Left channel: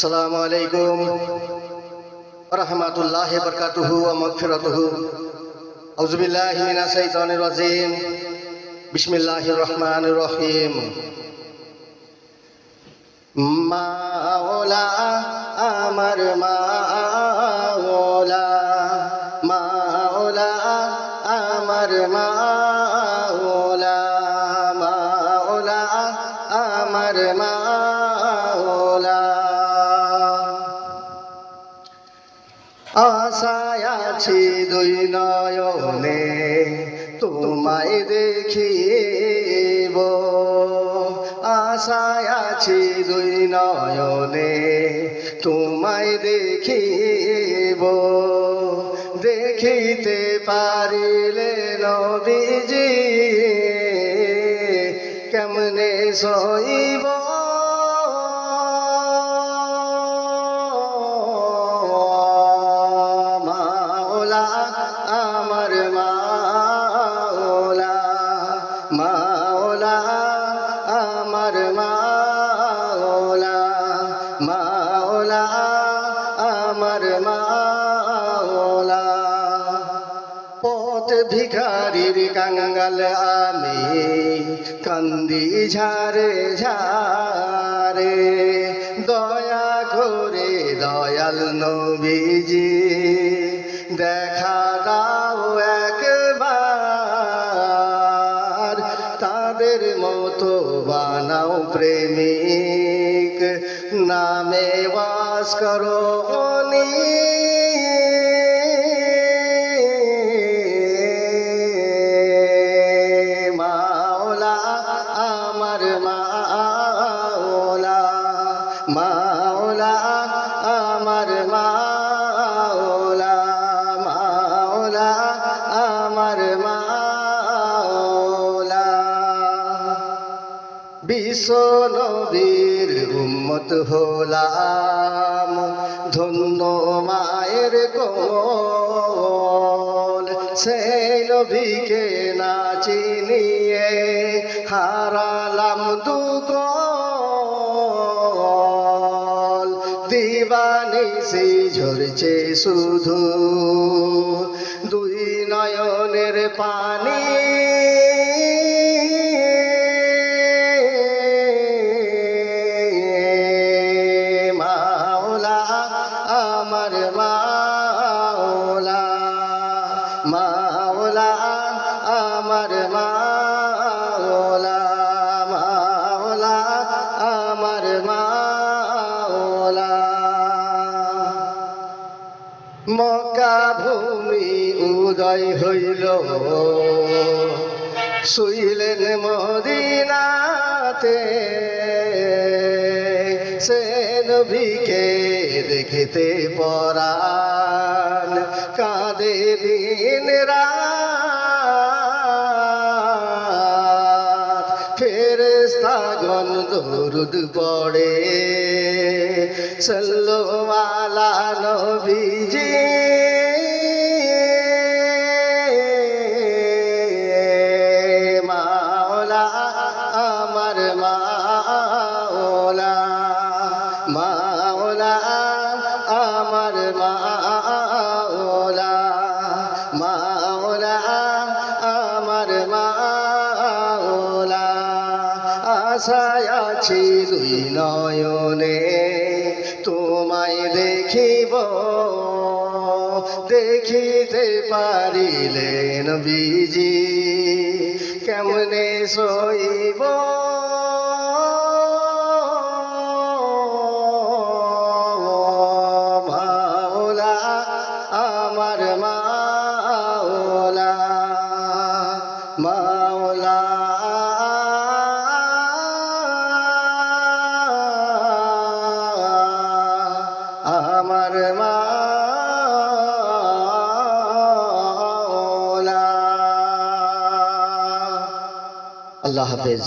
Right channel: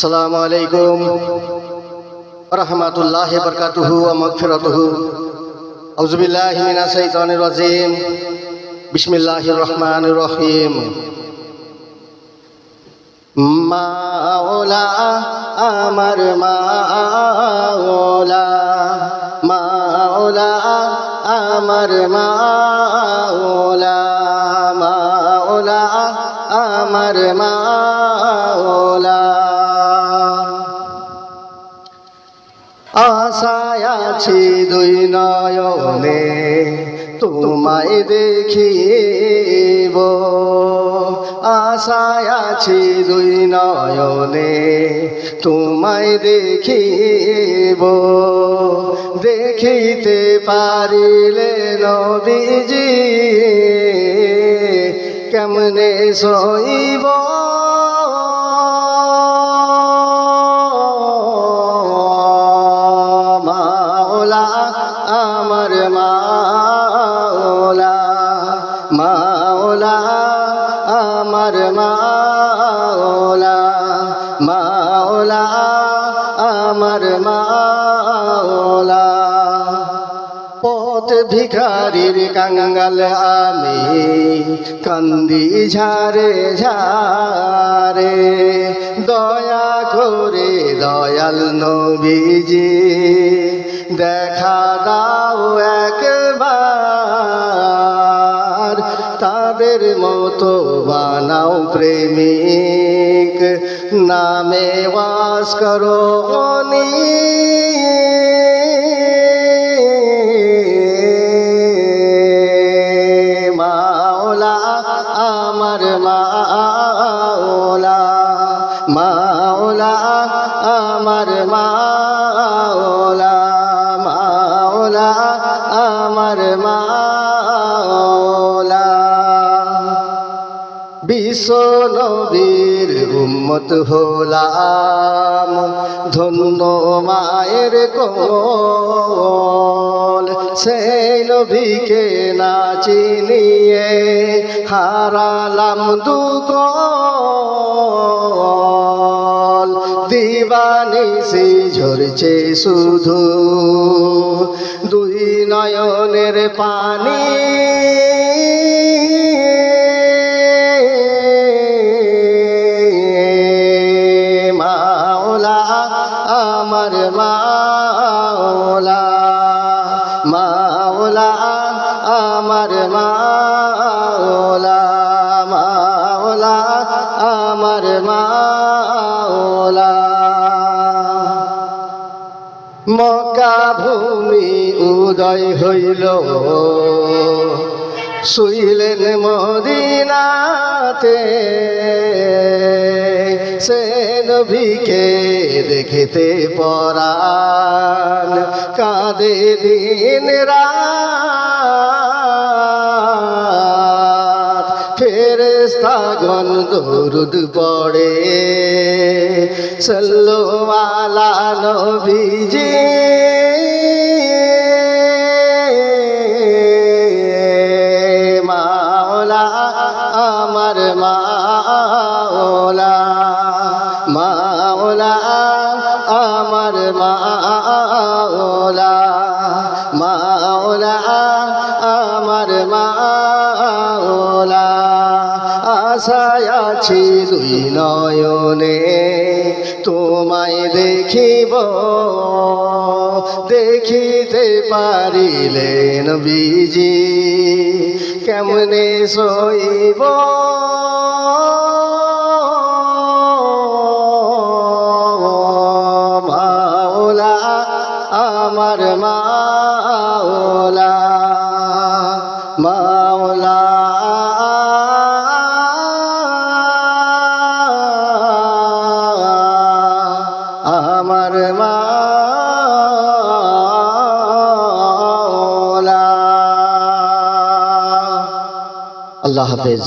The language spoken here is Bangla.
আসসালামু আলাইকুম রাহমাতুল্লাহি ওয়া বারাকাতুহু ওয়া মাগফিরাতুহু। আউযু বিল্লাহি মিনাশ শাইতানির রাজিম। বিসমিল্লাহির রহমানির রহিম। মাওলা আমার মাওলা, মাওলা আমার মাওলা, মাওলা আমার মাওলা। আশায় আছি দুই নয়নে তোমায় দেখিব, আশায় আছি দুই নয়নে তোমায় দেখিব। দেখিতে পারিলে নবীজি কেমনে সইব। মাওলা আমার মাওলা, মাওলা আমার মাওলা, মাওলা আমার মাওলা। পথ ভিখারির কাঙ্গাল আমি কান্দি ঝারে ঝারে, দয়া করে দয়াল নবীজি দেখা দাও একবার। তাদের মতো বানাও প্রেমিক, নামে বাস করো মাওলা আমার মাওলা, মাওলা আমার মাওলা, মাওলা আমার মাওলা। বিশ্ব নবীর উম্মত হলাম, ধন্য মায়ের কোল। সেই নবীকে না চিনিয়ে হারালাম দুকল। দিবানিশি ঝরছে শুধু দুই নয়নের পানি, মাওলা আমার মাওলা, মাওলা আমার মাওলা, মাওলা আমার মাওলা। মক্কা ভূমি উদয় হইল, শুইলেন মদিনাতে। সে নবীকে দেখিতে পরাণ কাঁদে দিন রাত। ফেরেশতাগণ দরুদ পড়ে সাল্লাল্লাহু আলা নবীজি। মাওলা আমার মাওলা, মাওলা আমার মাওলা, মাওলা আমার মাওলা। আশায় আছি দুই নয়নে তোমায় দেখিব, দেখিতে পারিলে নবীজি কেমনে সইব। মাওলা আমার মাওলা, মাওলা আমার মাওলা। আল্লাহ হাফেজ।